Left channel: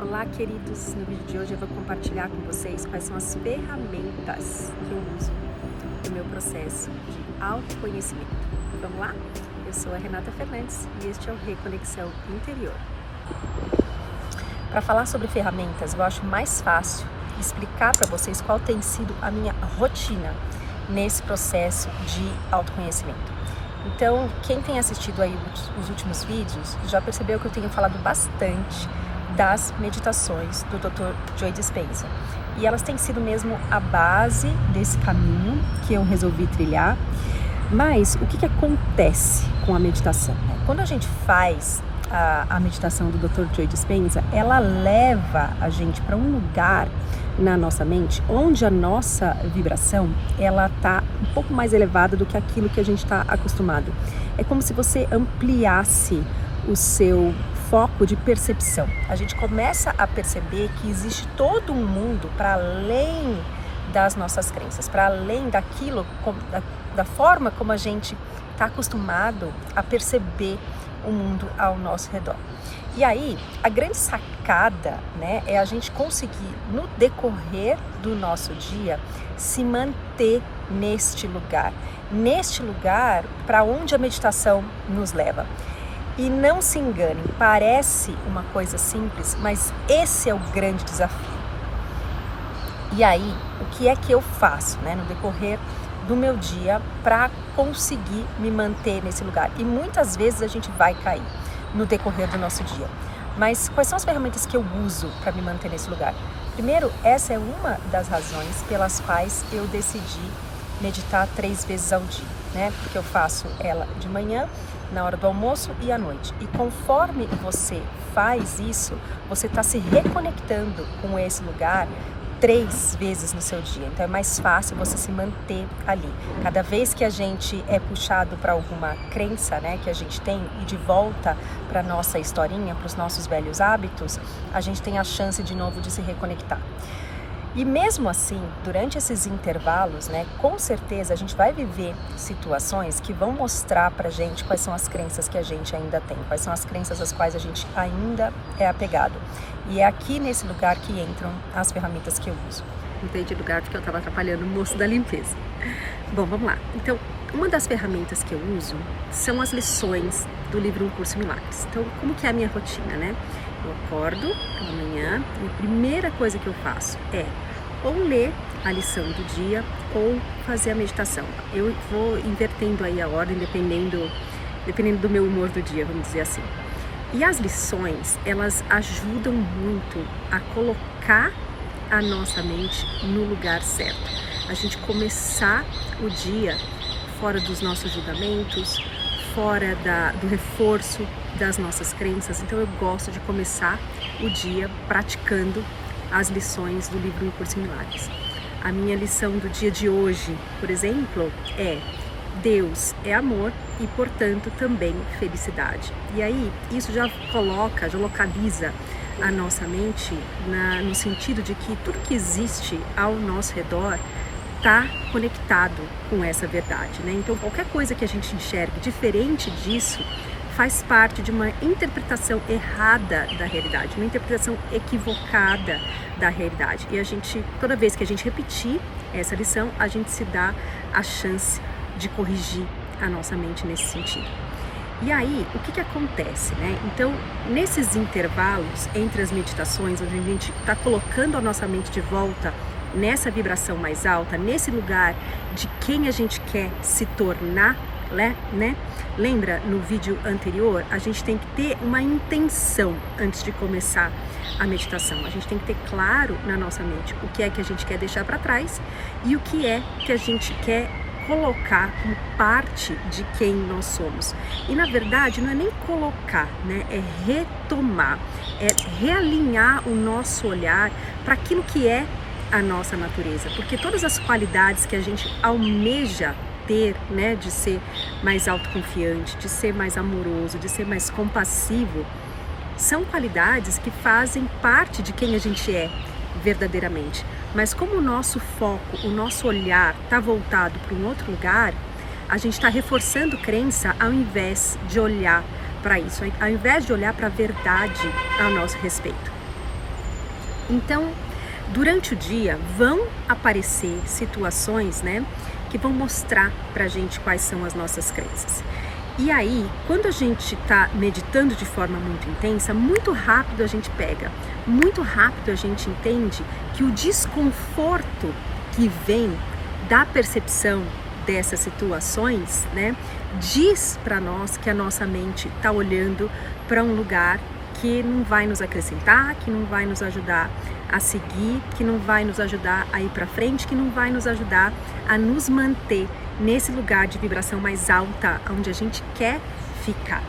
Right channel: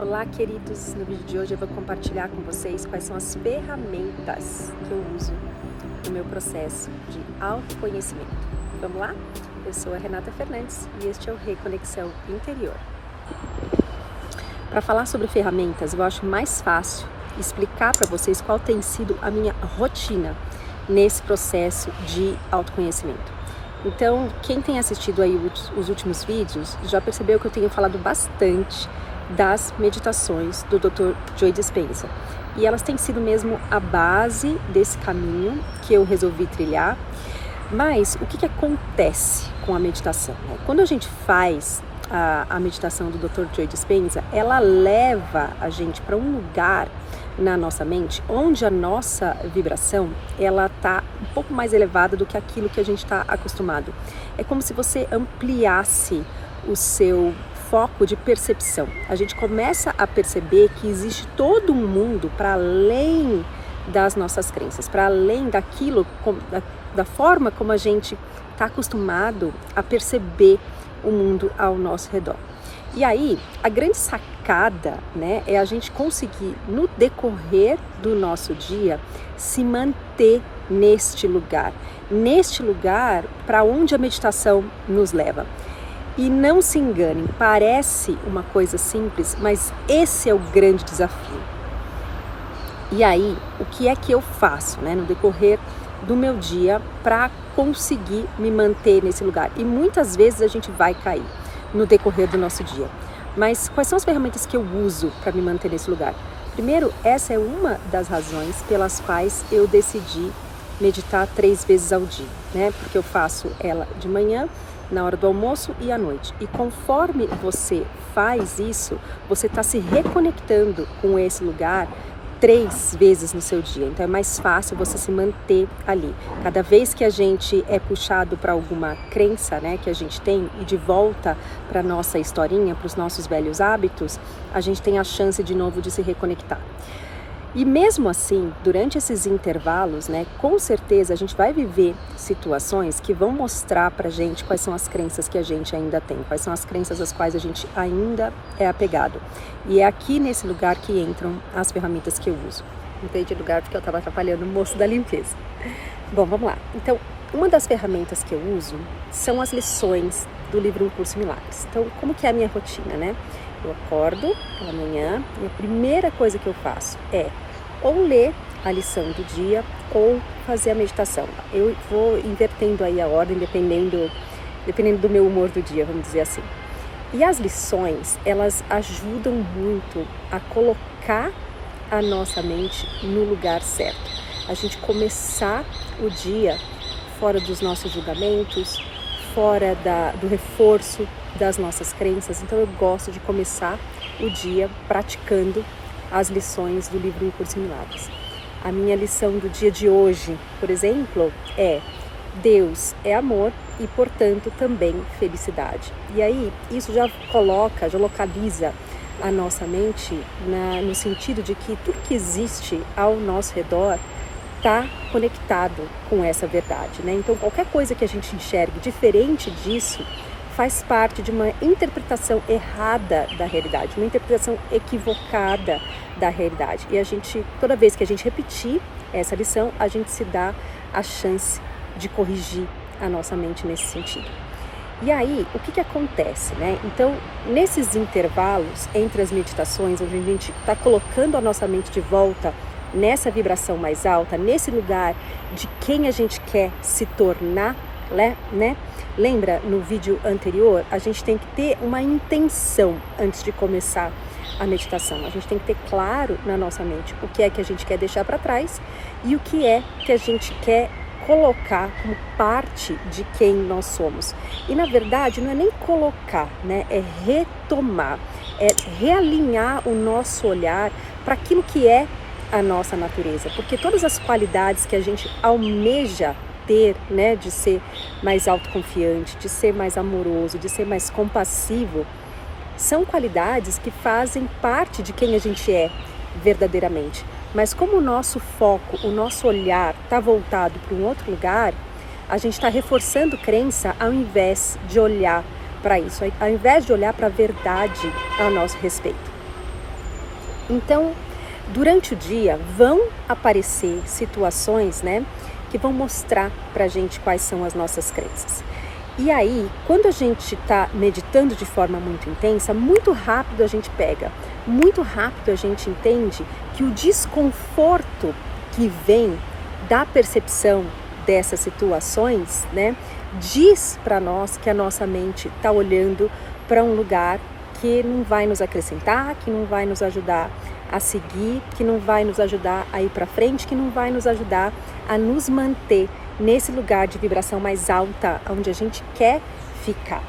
Olá, queridos! No vídeo de hoje eu vou compartilhar com vocês quais são as ferramentas que eu uso no meu processo de autoconhecimento. Vamos lá? Eu sou a Renata Fernandes e este é o Reconexão Interior. Para falar sobre ferramentas, eu acho mais fácil explicar para vocês qual tem sido a minha rotina nesse processo de autoconhecimento. Então, quem tem assistido aí os últimos vídeos já percebeu que eu tenho falado bastante das meditações do Dr. Joe Dispenza. E elas têm sido mesmo a base desse caminho que eu resolvi trilhar. Mas o que acontece com a meditação? Quando a gente faz a meditação do Dr. Joe Dispenza, ela leva a gente para um lugar na nossa mente onde a nossa vibração ela tá um pouco mais elevada do que aquilo que a gente está acostumado. É como se você ampliasse o seu foco de percepção. A gente começa a perceber que existe todo um mundo para além das nossas crenças, para além daquilo, da forma como a gente está acostumado a perceber o mundo ao nosso redor. E aí, a grande sacada, né, é a gente conseguir, no decorrer do nosso dia, se manter neste lugar para onde a meditação nos leva. E não se engane, parece uma coisa simples, mas esse é o grande desafio. E aí, o que é que eu faço, né, no decorrer do meu dia para conseguir me manter nesse lugar? E muitas vezes a gente vai cair no decorrer do nosso dia. Mas quais são as ferramentas que eu uso para me manter nesse lugar? Primeiro, essa é uma das razões pelas quais eu decidi meditar 3 vezes ao dia, né? Porque eu faço ela de manhã, na hora do almoço e à noite. E conforme você faz isso, você está se reconectando com esse lugar 3 vezes no seu dia. Então é mais fácil você se manter ali. Cada vez que a gente é puxado para alguma crença, né, que a gente tem e de volta para nossa historinha, para os nossos velhos hábitos, a gente tem a chance de novo de se reconectar. E mesmo assim, durante esses intervalos, né, com certeza a gente vai viver situações que vão mostrar pra gente quais são as crenças que a gente ainda tem, quais são as crenças às quais a gente ainda é apegado. E é aqui nesse lugar que entram as ferramentas que eu uso. Mudei de lugar porque eu estava atrapalhando o moço da limpeza. Bom, vamos lá. Então, uma das ferramentas que eu uso são as lições do livro Um Curso em Milagres. Então, como que é a minha rotina, né? Eu acordo pela manhã e a primeira coisa que eu faço é ou ler a lição do dia ou fazer a meditação. Eu vou invertendo aí a ordem dependendo do meu humor do dia, vamos dizer assim. E as lições, elas ajudam muito a colocar a nossa mente no lugar certo. A gente começar o dia fora dos nossos julgamentos, fora do reforço das nossas crenças. Então eu gosto de começar o dia praticando as lições do livro Um Curso em Milagres. A minha lição do dia de hoje, por exemplo, é: Deus é amor e, portanto, também felicidade. E aí, isso já localiza a nossa mente no sentido de que tudo que existe ao nosso redor está conectado com essa verdade, né? Então, qualquer coisa que a gente enxergue diferente disso faz parte de uma interpretação errada da realidade, uma interpretação equivocada da realidade. E a gente, toda vez que a gente repetir essa lição, a gente se dá a chance de corrigir a nossa mente nesse sentido. E aí, o que acontece, né? Então, nesses intervalos entre as meditações, onde a gente está colocando a nossa mente de volta nessa vibração mais alta, nesse lugar de quem a gente quer se tornar, né? Lembra, no vídeo anterior, a gente tem que ter uma intenção antes de começar a meditação. A gente tem que ter claro na nossa mente o que é que a gente quer deixar para trás e o que é que a gente quer colocar como parte de quem nós somos. E na verdade não é nem colocar, né? É retomar, é realinhar o nosso olhar para aquilo que é a nossa natureza, porque todas as qualidades que a gente almeja ter, né, de ser mais autoconfiante, de ser mais amoroso, de ser mais compassivo, são qualidades que fazem parte de quem a gente é verdadeiramente. Mas como o nosso foco, o nosso olhar está voltado para um outro lugar, a gente está reforçando crença ao invés de olhar para isso, ao invés de olhar para a verdade a nosso respeito. Então, durante o dia vão aparecer situações, né, que vão mostrar pra gente quais são as nossas crenças. E aí, quando a gente está meditando de forma muito intensa, muito rápido a gente pega, muito rápido a gente entende que o desconforto que vem da percepção dessas situações, né, diz para nós que a nossa mente está olhando para um lugar que não vai nos acrescentar, que não vai nos ajudar a seguir, que não vai nos ajudar a ir para frente, que não vai nos ajudar a nos manter nesse lugar de vibração mais alta, onde a gente quer ficar.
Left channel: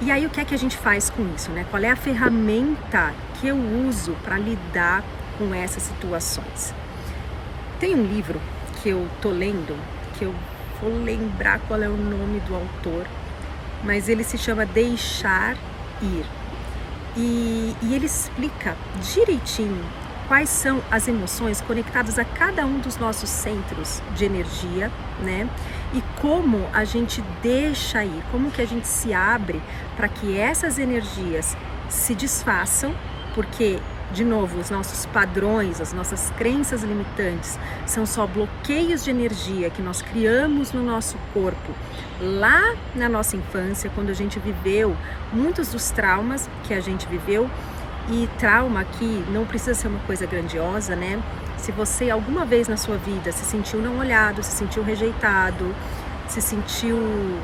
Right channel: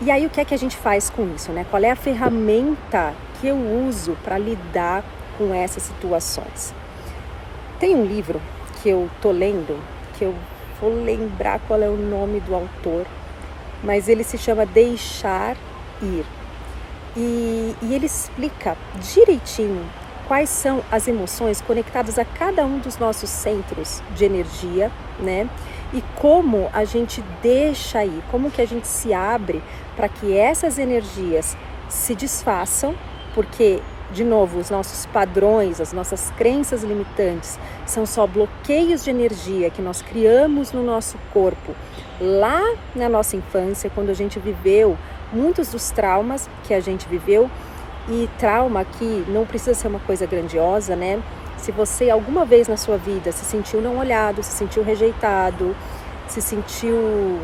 E aí o que é que a gente faz com isso, né? Qual é a ferramenta que eu uso para lidar com essas situações? Tem um livro que eu tô lendo, que eu vou lembrar qual é o nome do autor, mas ele se chama Deixar Ir. E ele explica direitinho quais são as emoções conectadas a cada um dos nossos centros de energia, né? E como a gente deixa ir, como que a gente se abre para que essas energias se desfaçam, porque, de novo, os nossos padrões, as nossas crenças limitantes são só bloqueios de energia que nós criamos no nosso corpo lá na nossa infância, quando a gente viveu muitos dos traumas que a gente viveu. E trauma aqui não precisa ser uma coisa grandiosa, né? Se você alguma vez na sua vida se sentiu não olhado, se sentiu rejeitado, se sentiu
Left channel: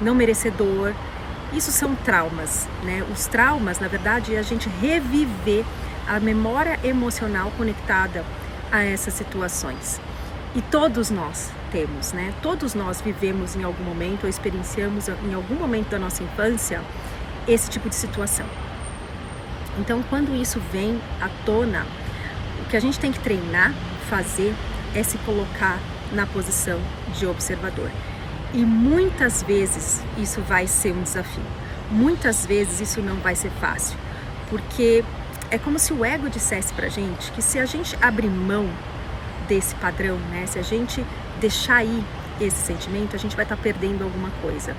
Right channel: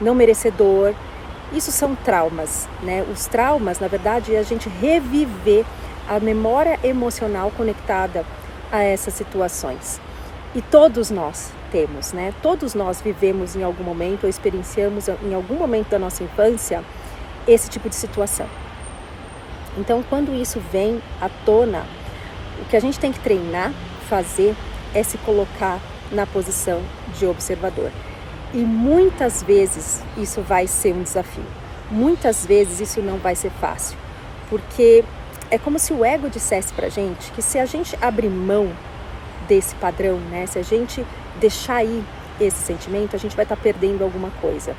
não merecedor, isso são traumas, né? Os traumas, na verdade, é a gente reviver a memória emocional conectada a essas situações. E todos nós temos, né? Todos nós vivemos em algum momento ou experienciamos em algum momento da nossa infância esse tipo de situação. Então, quando isso vem à tona, o que a gente tem que treinar, fazer, é se colocar na posição de observador. E muitas vezes isso vai ser um desafio. Muitas vezes isso não vai ser fácil. Porque é como se o ego dissesse pra gente que se a gente abrir mão desse padrão, né? Se a gente deixar ir esse sentimento, a gente vai estar perdendo alguma coisa.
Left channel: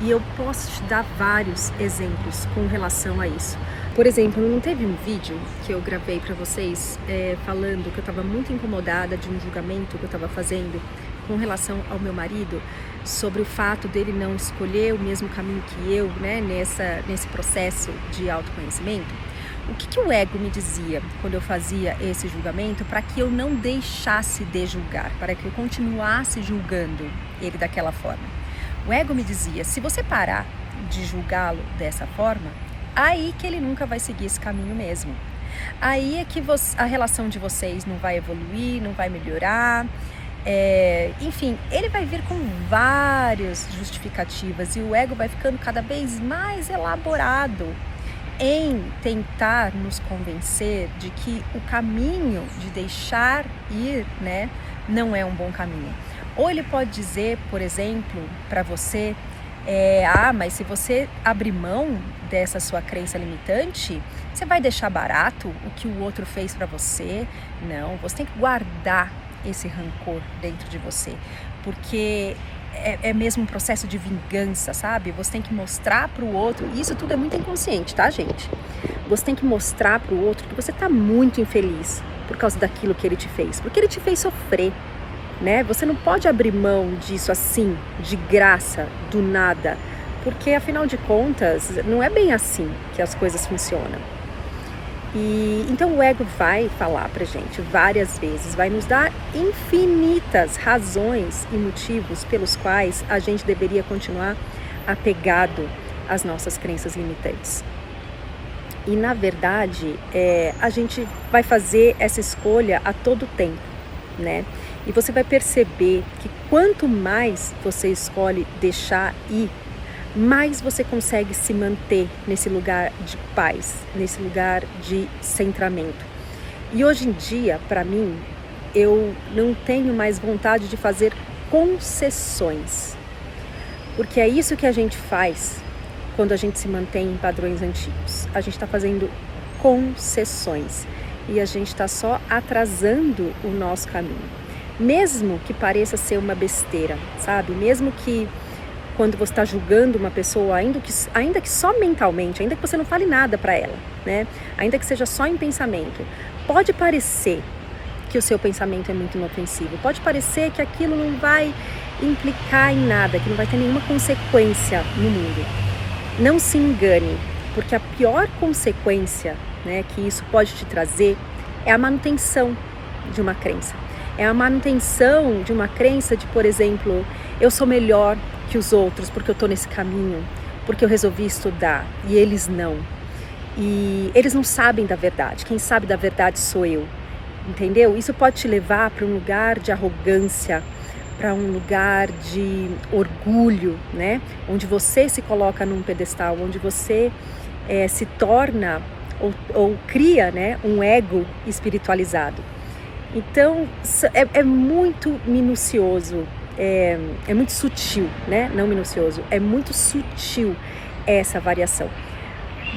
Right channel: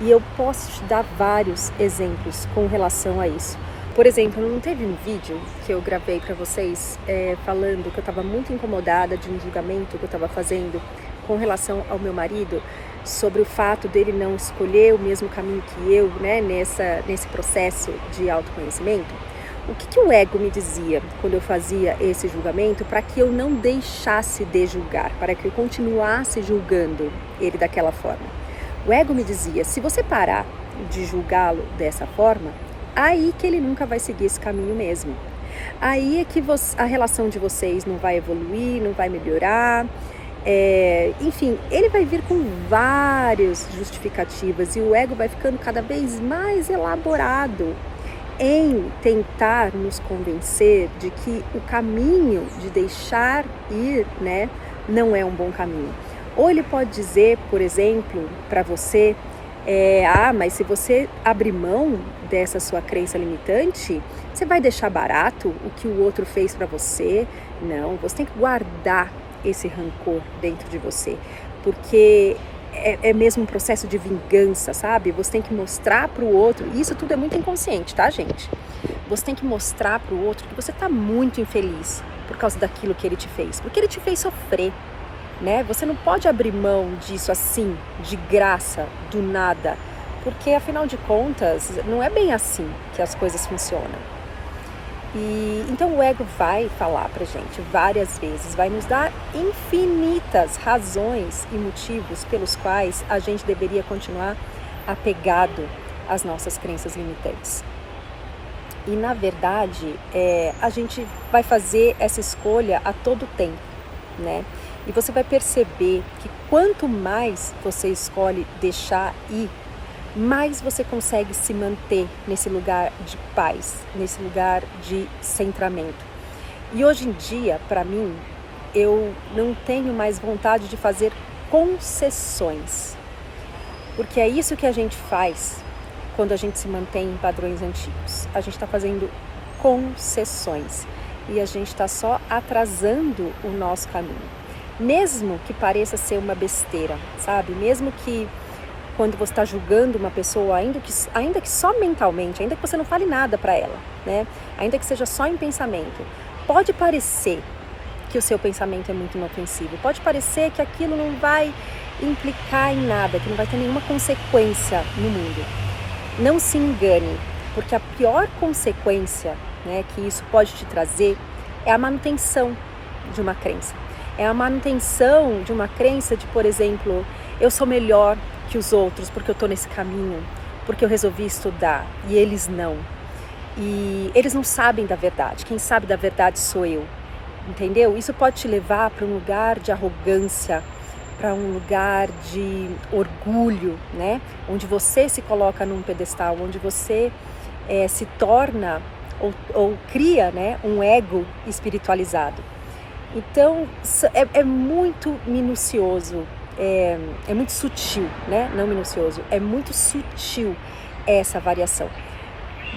E eu posso te dar vários exemplos com relação a isso. Por exemplo, não teve um vídeo que eu gravei para vocês falando que eu estava muito incomodada de um julgamento que eu estava fazendo com relação ao meu marido, sobre o fato dele não escolher o mesmo caminho que eu, né, nesse processo de autoconhecimento. O que o ego me dizia quando eu fazia esse julgamento para que eu não deixasse de julgar, para que eu continuasse julgando ele daquela forma? O ego me dizia, se você parar de julgá-lo dessa forma, aí que ele nunca vai seguir esse caminho mesmo. Aí é que a relação de vocês não vai evoluir, não vai melhorar. Enfim, ele vai vir com várias justificativas e o ego vai ficando cada vez mais elaborado em tentar nos convencer de que o caminho de deixar ir, né, não é um bom caminho. Ou ele pode dizer, por exemplo, para você, mas se você abrir mão dessa sua crença limitante, você vai deixar barato o que o outro fez para você? Não, você tem que guardar esse rancor dentro de você, porque é mesmo um processo de vingança, sabe? Você tem que mostrar para o outro, e isso tudo é muito inconsciente, tá, gente? Você tem que mostrar para o outro que você tá muito infeliz por causa daquilo que ele te fez, porque ele te fez sofrer, né? Você não pode abrir mão disso assim, de graça, do nada, porque afinal de contas, não é bem assim que as coisas funcionam. E então o ego vai falar pra gente várias vezes, vai nos dar infinitas razões e motivos pelos quais a gente deveria continuar apegado às nossas crenças limitantes. E na verdade, a gente vai fazer essa escolha a todo tempo, né? E você vai perceber que quanto mais você escolhe deixar ir, mais você consegue se manter nesse lugar de paz, nesse lugar de centramento. E hoje em dia, para mim, eu não tenho mais vontade de fazer concessões, porque é isso que a gente faz quando a gente se mantém em padrões antigos. A gente está fazendo concessões e a gente está só atrasando o nosso caminho. Mesmo que pareça ser uma besteira, sabe? Mesmo que quando você está julgando uma pessoa, ainda que só mentalmente, ainda que você não fale nada para ela, né? Ainda que seja só em pensamento, pode parecer que o seu pensamento é muito inofensivo, pode parecer que aquilo não vai implicar em nada, que não vai ter nenhuma consequência no mundo. Não se engane, porque a pior consequência, né, que isso pode te trazer é a manutenção de uma crença. É a manutenção de uma crença de, por exemplo, eu sou melhor que os outros porque eu estou nesse caminho, porque eu resolvi estudar e eles não. E eles não sabem da verdade, quem sabe da verdade sou eu, entendeu? Isso pode te levar para um lugar de arrogância, para um lugar de orgulho, né? Onde você se coloca num pedestal, onde você se torna ou cria, né, um ego espiritualizado. Então, é muito minucioso, é muito sutil, né? Não minucioso, é muito sutil essa variação.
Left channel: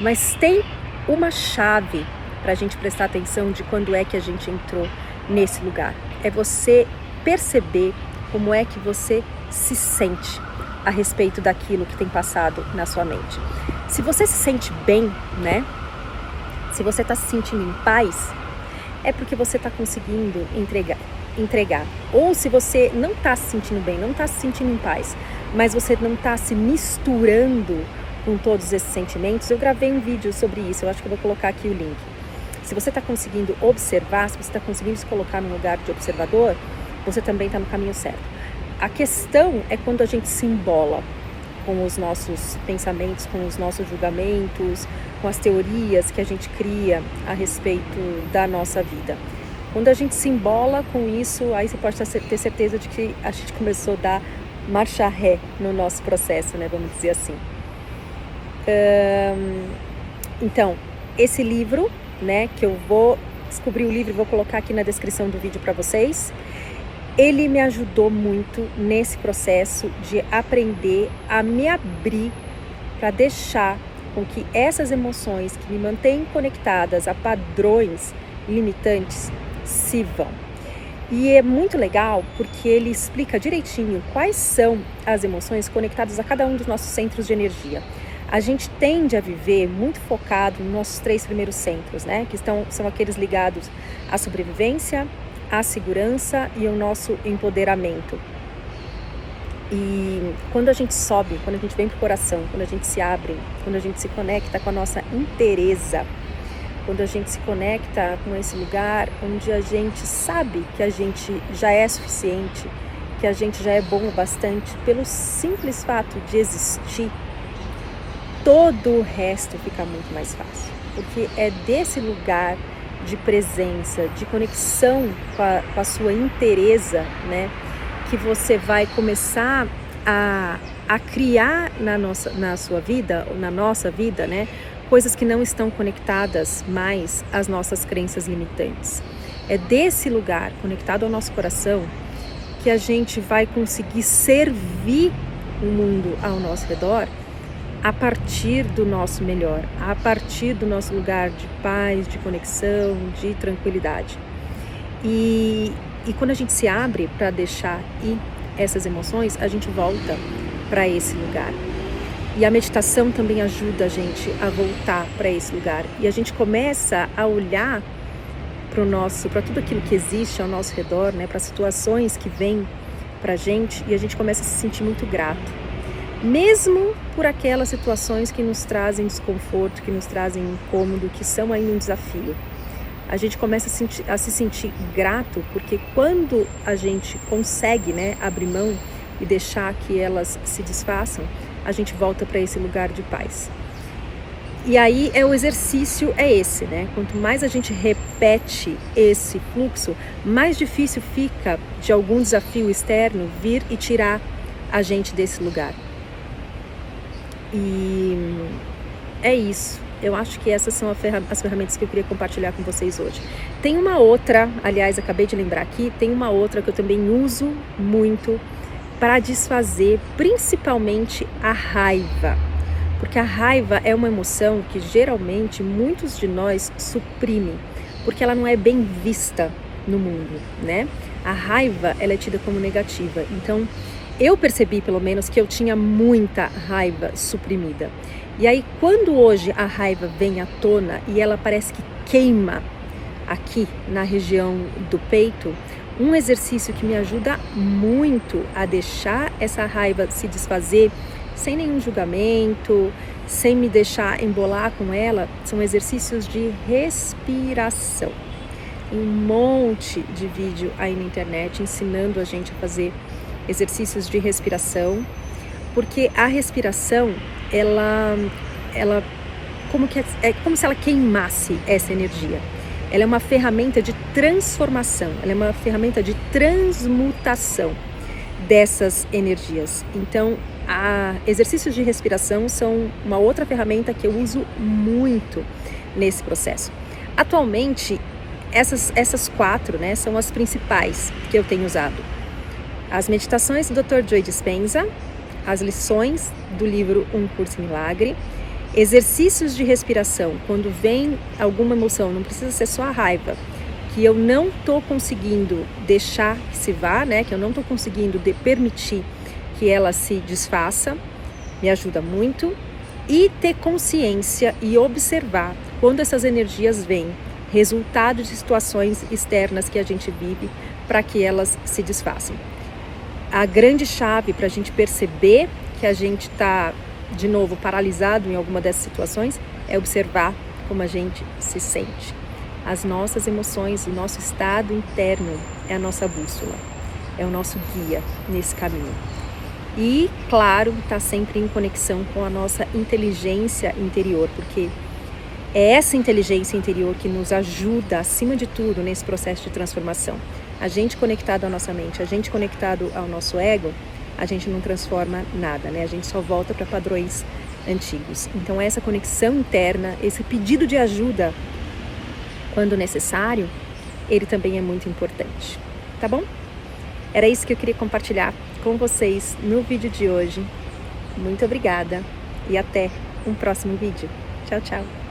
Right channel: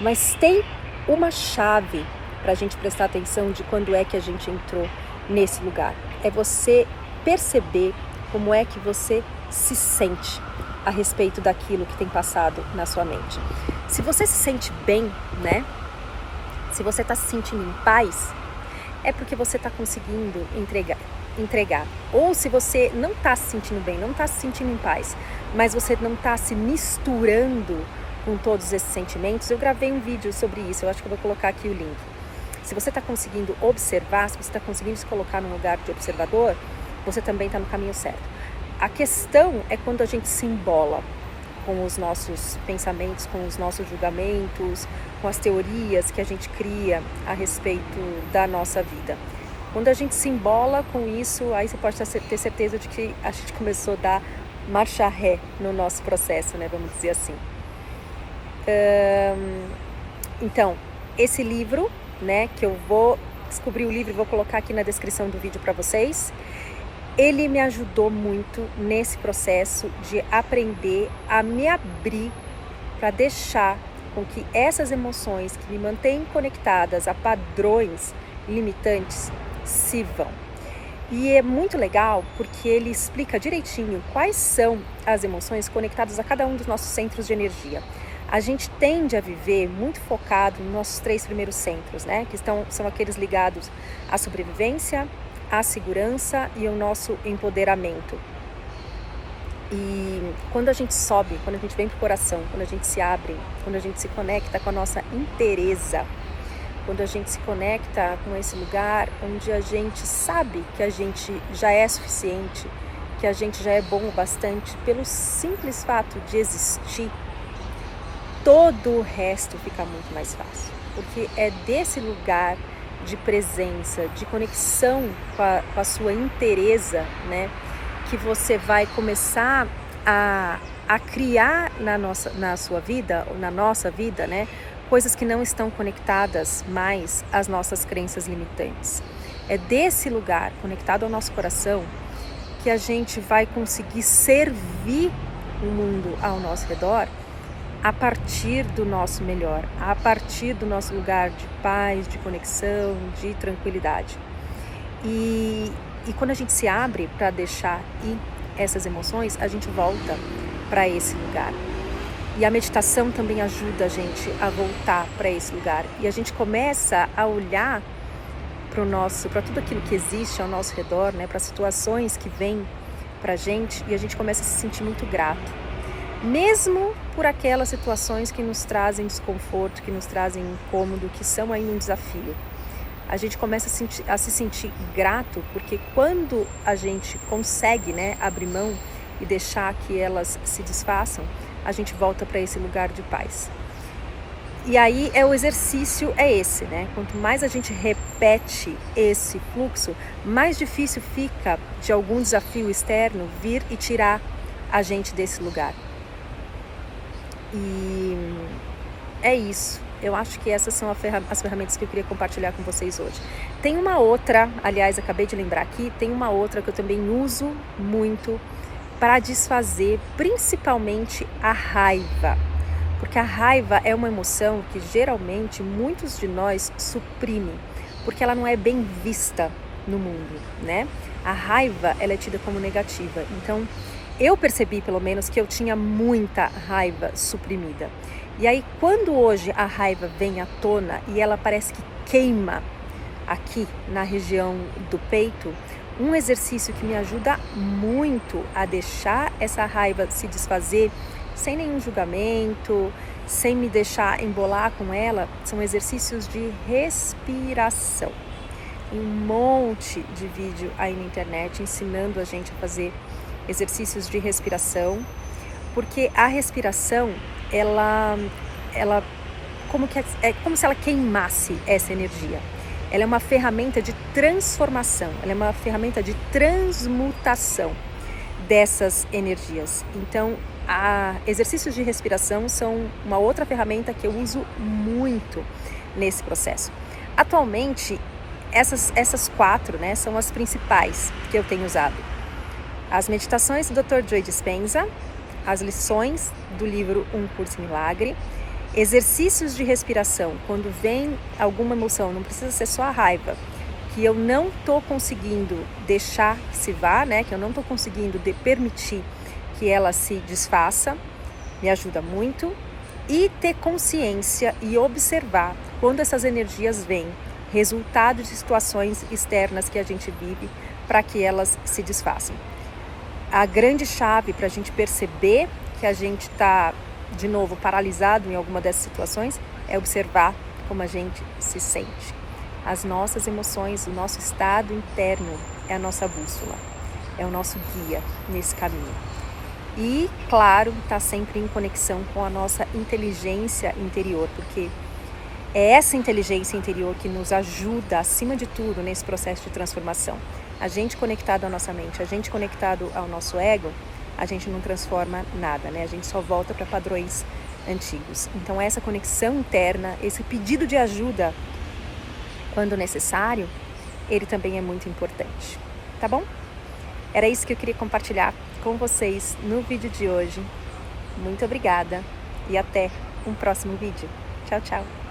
Mas tem uma chave para a gente prestar atenção de quando é que a gente entrou nesse lugar. É você perceber como é que você se sente a respeito daquilo que tem passado na sua mente. Se você se sente bem, né? Se você está se sentindo em paz, é porque você está conseguindo entregar. Ou se você não está se sentindo bem, não está se sentindo em paz, mas você não está se misturando com todos esses sentimentos, eu gravei um vídeo sobre isso, eu acho que eu vou colocar aqui o link. Se você está conseguindo observar, se você está conseguindo se colocar num lugar de observador, você também está no caminho certo. A questão é quando a gente se embola com os nossos pensamentos, com os nossos julgamentos, com as teorias que a gente cria a respeito da nossa vida. Quando a gente se embola com isso, aí você pode ter certeza de que a gente começou a dar marcha ré no nosso processo, né? Vamos dizer assim. Então, esse livro, né, que eu vou descobrir o livro e vou colocar aqui na descrição do vídeo para vocês, ele me ajudou muito nesse processo de aprender a me abrir para deixar com que essas emoções que me mantêm conectadas a padrões limitantes se vão. E é muito legal porque ele explica direitinho quais são as emoções conectadas a cada um dos nossos centros de energia. A gente tende a viver muito focado nos nossos 3 primeiros centros, né? Que são aqueles ligados à sobrevivência, à segurança e ao nosso empoderamento. E quando a gente sobe, quando a gente vem para o coração, quando a gente se abre, quando a gente se conecta com a nossa inteireza, quando a gente se conecta com esse lugar onde a gente sabe que a gente já é suficiente, que a gente já é bom o bastante, pelo simples fato de existir, todo o resto fica muito mais fácil. Porque é desse lugar de presença, de conexão com a sua inteireza, né, que você vai começar a criar na sua vida, na nossa vida, né, coisas que não estão conectadas mais às nossas crenças limitantes. É desse lugar, conectado ao nosso coração, que a gente vai conseguir servir o mundo ao nosso redor a partir do nosso melhor, a partir do nosso lugar de paz, de conexão, de tranquilidade. E quando a gente se abre para deixar ir essas emoções, a gente volta para esse lugar. E a meditação também ajuda a gente a voltar para esse lugar. E a gente começa a olhar para tudo aquilo que existe ao nosso redor, né, para as situações que vêm para a gente, e a gente começa a se sentir muito grato. Mesmo por aquelas situações que nos trazem desconforto, que nos trazem incômodo, que são ainda um desafio. A gente começa a se sentir grato, porque quando a gente consegue, né, abrir mão e deixar que elas se desfaçam, a gente volta para esse lugar de paz. E aí o exercício é esse, né? Quanto mais a gente repete esse fluxo, mais difícil fica de algum desafio externo vir e tirar a gente desse lugar. E é isso. Eu acho que essas são as ferramentas que eu queria compartilhar com vocês hoje. Tem uma outra, aliás, acabei de lembrar aqui, tem uma outra que eu também uso muito para desfazer, principalmente a raiva. Porque a raiva é uma emoção que geralmente muitos de nós suprimem, porque ela não é bem vista no mundo, né? A raiva, ela é tida como negativa. Então, eu percebi, pelo menos, que eu tinha muita raiva suprimida. E aí, quando hoje a raiva vem à tona e ela parece que queima aqui na região do peito, um exercício que me ajuda muito a deixar essa raiva se desfazer sem nenhum julgamento, sem me deixar embolar com ela, são exercícios de respiração. Tem um monte de vídeo aí na internet ensinando a gente a fazer exercícios de respiração, porque a respiração, ela é como se ela queimasse essa energia. Ela é uma ferramenta de transformação, ela é uma ferramenta de transmutação dessas energias. Então, exercícios de respiração são uma outra ferramenta que eu uso muito nesse processo. Atualmente, essas 4, né, são as principais que eu tenho usado. As meditações do Dr. Joe Dispenza, as lições do livro Um Curso em Milagre, exercícios de respiração, quando vem alguma emoção, não precisa ser só a raiva, que eu não estou conseguindo deixar que se vá, né, que eu não estou conseguindo permitir que ela se desfaça, me ajuda muito. E ter consciência e observar quando essas energias vêm, resultado de situações externas que a gente vive, para que elas se desfaçam. A grande chave para a gente perceber que a gente está, de novo, paralisado em alguma dessas situações é observar como a gente se sente. As nossas emoções, o nosso estado interno é a nossa bússola, é o nosso guia nesse caminho. E, claro, está sempre em conexão com a nossa inteligência interior, porque é essa inteligência interior que nos ajuda, acima de tudo, nesse processo de transformação. A gente conectado à nossa mente, a gente conectado ao nosso ego, a gente não transforma nada, né? A gente só volta para padrões antigos. Então, essa conexão interna, esse pedido de ajuda, quando necessário, ele também é muito importante, tá bom? Era isso que eu queria compartilhar com vocês no vídeo de hoje. Muito obrigada e até um próximo vídeo. Tchau, tchau!